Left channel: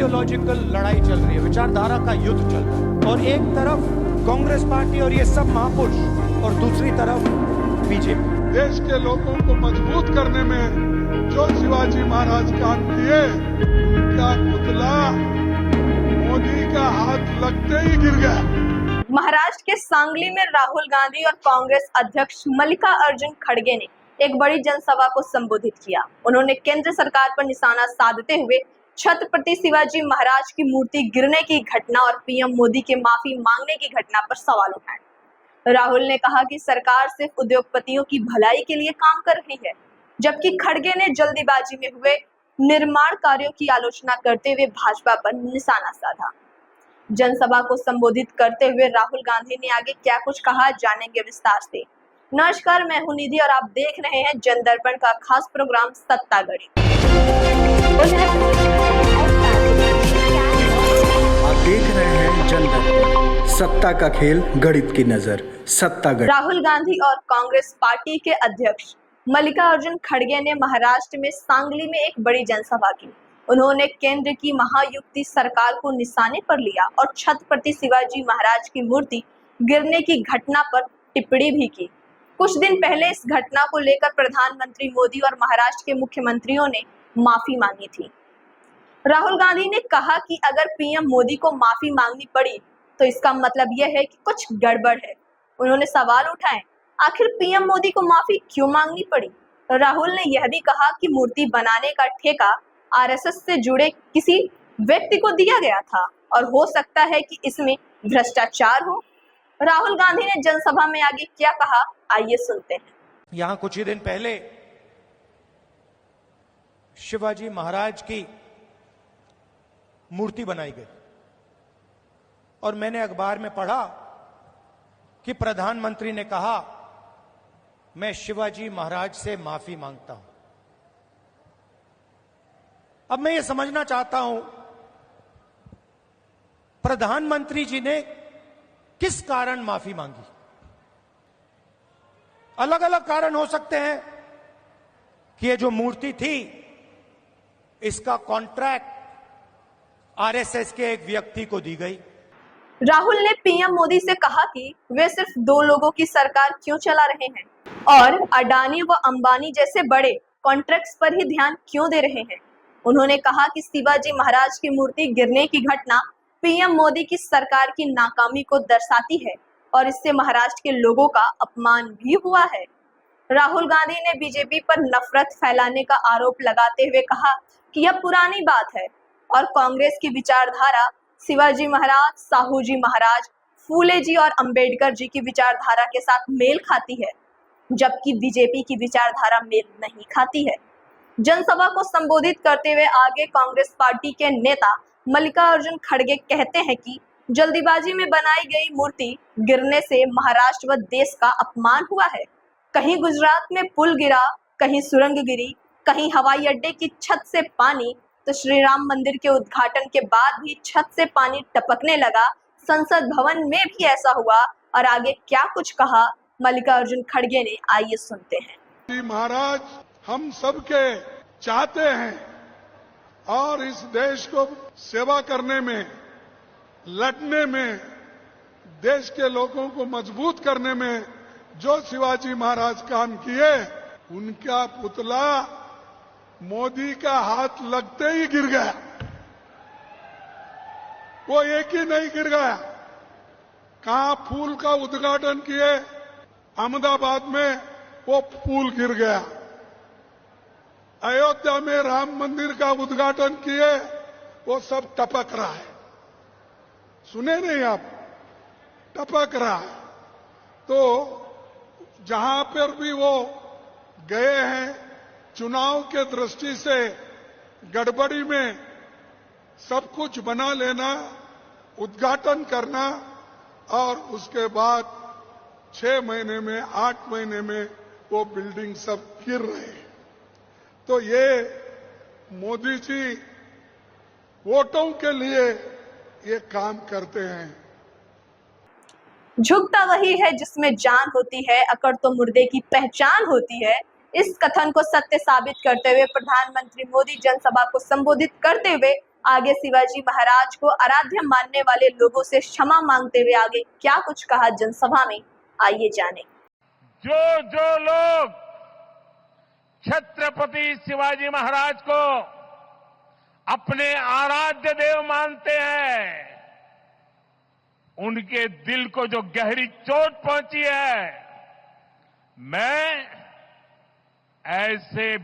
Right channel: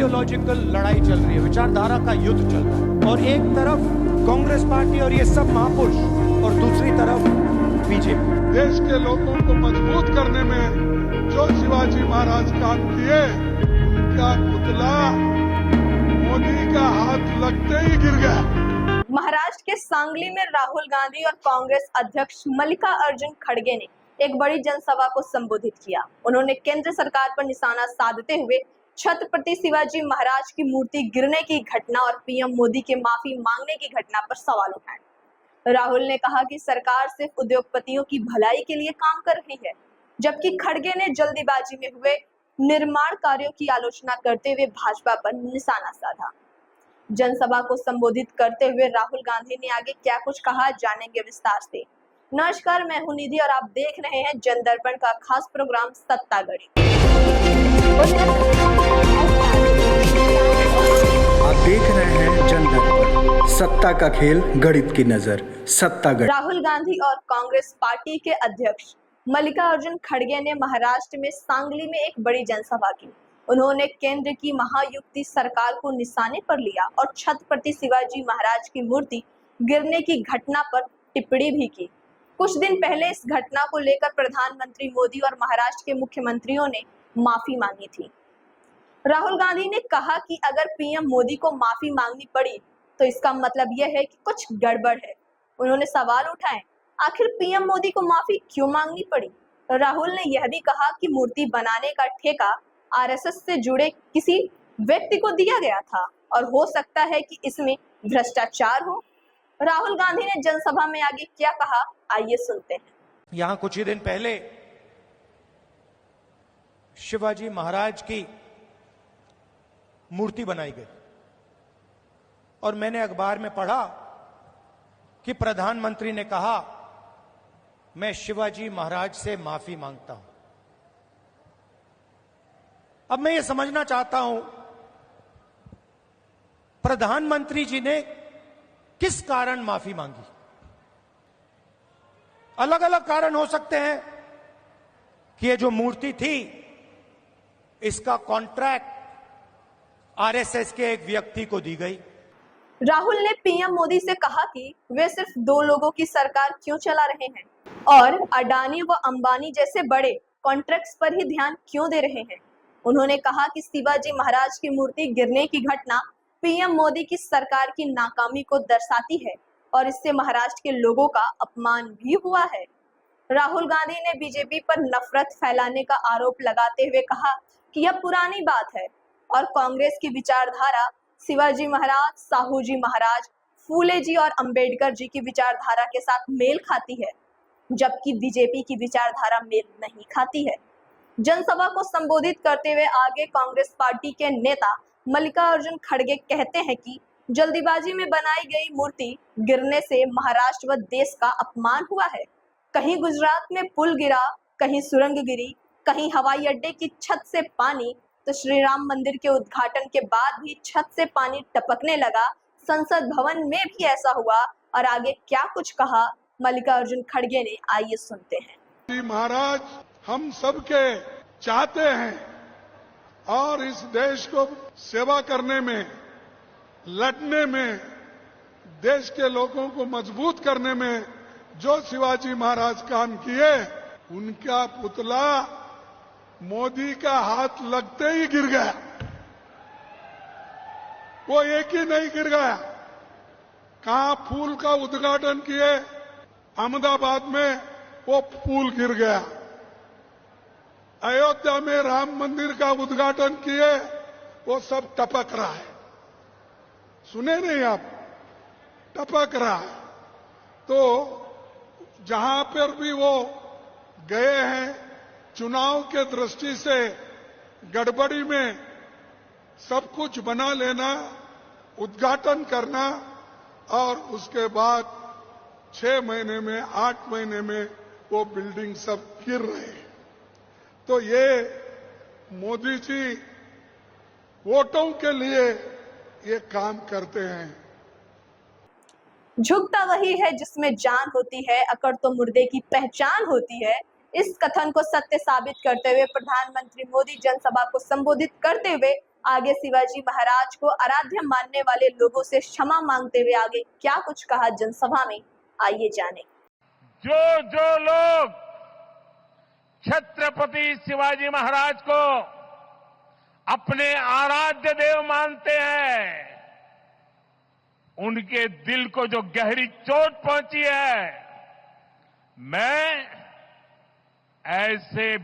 Ideological लड़ाई चल रही है, विचारधारा का युद्ध चल रहा है। और एक तरफ कांग्रेस पार्टी और ये सब महापुरुष और दूसरी तरफ बीजेपी। देश के लोगों को मजबूत करने में जो शिवाजी महाराज काम किए, उनका पुतला मोदी का हाथ लगते ही गिर गया। महाराष्ट्र के सांगली में राहुल गांधी और कांग्रेस अध्यक्ष मल्लिकार्जुन खड़गे ने एक बड़ी जनसभा को संबोधित किया। उन्होंने केंद्र सरकार पर निशाना साधते हुए छत्रपति शिवाजी महाराज की मूर्ति गिरने की घटना और पीएम मोदी के माफी मांगने की घटना पर सवाल उठाए। राहुल ने कहा कि सरकार सिर्फ उद्योगपतियों की भलाई के लिए काम कर रही है, जबकि खड़गे ने जल्दीबाजी में हुए निर्माण कार्यों की आलोचना करते हुए भाजपा पर निशाना साधा। जनसभा को संबोधित करते हुए राहुल गांधी ने आगे क्या कुछ कहा, जानेंगे विस्तार से। नमस्कार, मैं हूं निधि और आप देख रहे हैं जनदर्पण का खास प्रोग्राम सत्तागढ़ी। आप देख रहे हैं जनदर्पण, सत्ता का खेल गणित की नजर, सत्तागढ़। राहुल गांधी और कांग्रेस पार्टी के अध्यक्ष मल्लिकार्जुन खड़गे ने महाराष्ट्र में सांगली में एक बड़ी जनसभा की। उन्होंने केंद्र की महायुति सरकार को निशाने पर लिया और छत्रपति शिवाजी महाराज की मूर्ति गिरने की घटना पर टिप्पणी भी की। कुछ दिन पहले इस घटना को लेकर प्रधानमंत्री मोदी और महाराष्ट्र के मुख्यमंत्रियों ने माफी मांगी थी। राहुल गांधी ने कहा कि अगर पीएम मोदी को माफी मांगनी पड़ी तो इसका मतलब यह है कि कुछ गड़बड़ है। उन्होंने सवाल उठाए, आखिर पीएम मोदी को माफी क्यों मांगनी पड़ी। राहुल ने यह भी कहा कि मूर्ति बनाने का ठेका आरएसएस से जुड़े किसी व्यक्ति को दिया गया था और हो सकता है कि इसमें भ्रष्टाचार हो। राहुल गांधी ने जनसभा में आगे क्या कहा, आइए सुनते हैं। यहां कुछ ही दिन पहले शिवाजी महाराज की मूर्ति बनाई गई और मैंने अखबार में पढ़ा कि प्रधानमंत्री ने कहा, मैं शिवाजी महाराज से माफी मांगता हूं। अब मैं ये समझना चाहता हूं, प्रधानमंत्री जी ने किस कारण माफी मांगी। अलग अलग कारण हो सकते हैं कि ये जो मूर्ति थी, इसका कॉन्ट्रैक्ट आरएसएस के एक व्यक्ति को दी गई। राहुल ने पीएम मोदी से कहा कि वे सिर्फ दो लोगों की सरकार क्यों चला रहे हैं और अडानी व अंबानी जैसे बड़े कॉन्ट्रैक्ट्स पर ही ध्यान क्यों दे रहे हैं। उन्होंने कहा कि शिवाजी महाराज की मूर्ति गिरने की घटना पीएम मोदी की सरकार की नाकामी को दर्शाती है और इससे महाराष्ट्र के लोगों का अपमान भी हुआ है। राहुल गांधी ने बीजेपी पर नफरत फैलाने का आरोप लगाते हुए कहा कि यह पुरानी बात है और कांग्रेस की विचारधारा शिवाजी महाराज, साहू जी महाराज, फूले जी और अंबेडकर जी की विचारधारा के साथ मेल खाती है, जबकि बीजेपी की विचारधारा मेल नहीं खाती है। जनसभा को संबोधित करते हुए आगे कांग्रेस पार्टी के नेता मल्लिकार्जुन खड़गे कहते हैं कि जल्दीबाजी में बनाई गई मूर्ति गिरने से महाराष्ट्र व देश का अपमान हुआ है। कहीं गुजरात में पुल गिरा, कहीं सुरंग गिरी, कहीं हवाई अड्डे की छत से पानी, तो श्री राम मंदिर के उद्घाटन के बाद भी छत से पानी टपकने लगा। संसद भवन में भी ऐसा हुआ और आगे क्या कुछ कहा मल्लिकार्जुन खड़गे ने, आइए सुनते हैं। महाराज हम सबके चाहते हैं और इस देश को सेवा करने में, लड़ने में, देश के लोगों को मजबूत करने में जो शिवाजी महाराज काम किए, उनका पुतला मोदी का हाथ लगते ही गिर गया। वो एक ही नहीं गिर गया, कहां पुल का उद्घाटन किए, अहमदाबाद में वो पुल गिर गया। अयोध्या में राम मंदिर का उद्घाटन किए, वो सब टपक रहा है। सुने नहीं आप, टपक रहा है। तो जहां पर भी वो गए हैं, चुनाव के दृष्टि से गड़बड़ी में सब कुछ बना लेना, उद्घाटन करना और उसके बाद 6 महीने में, 8 महीने में वो बिल्डिंग सब गिर रहे हैं। तो ये मोदी जी वोटों के लिए ये काम करते हैं। झुकता वही है जिसमें जान होती है, अकड़ तो मुर्दे की पहचान होती है। इस कथन को सत्य साबित करते हुए प्रधानमंत्री मोदी जनसभा को संबोधित करते हुए आगे शिवाजी महाराज को आराध्य मानने वाले लोगों से क्षमा मांगते हुए आगे क्या कुछ कहा जनसभा में, आइए जाने। जो लोग छत्रपति शिवाजी महाराज को अपने आराध्य देव मानते हैं, उनके दिल को जो गहरी चोट पहुंची है, मैं ऐसे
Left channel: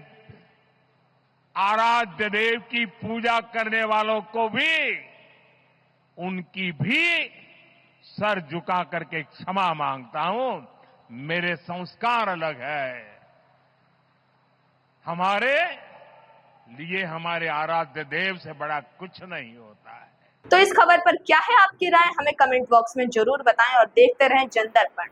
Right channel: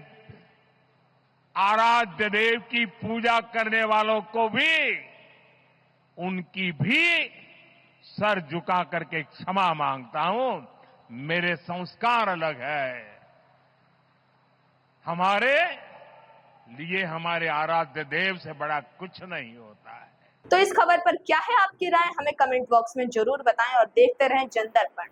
आराध्य देव की पूजा करने वालों को भी, उनकी भी सर झुका करके क्षमा मांगता हूं। मेरे संस्कार अलग है। हमारे लिए हमारे आराध्य देव से बड़ा कुछ नहीं होता है। तो इस खबर पर क्या है आपकी राय, हमें कमेंट बॉक्स में जरूर बताएं और देखते रहें जनदर्पण।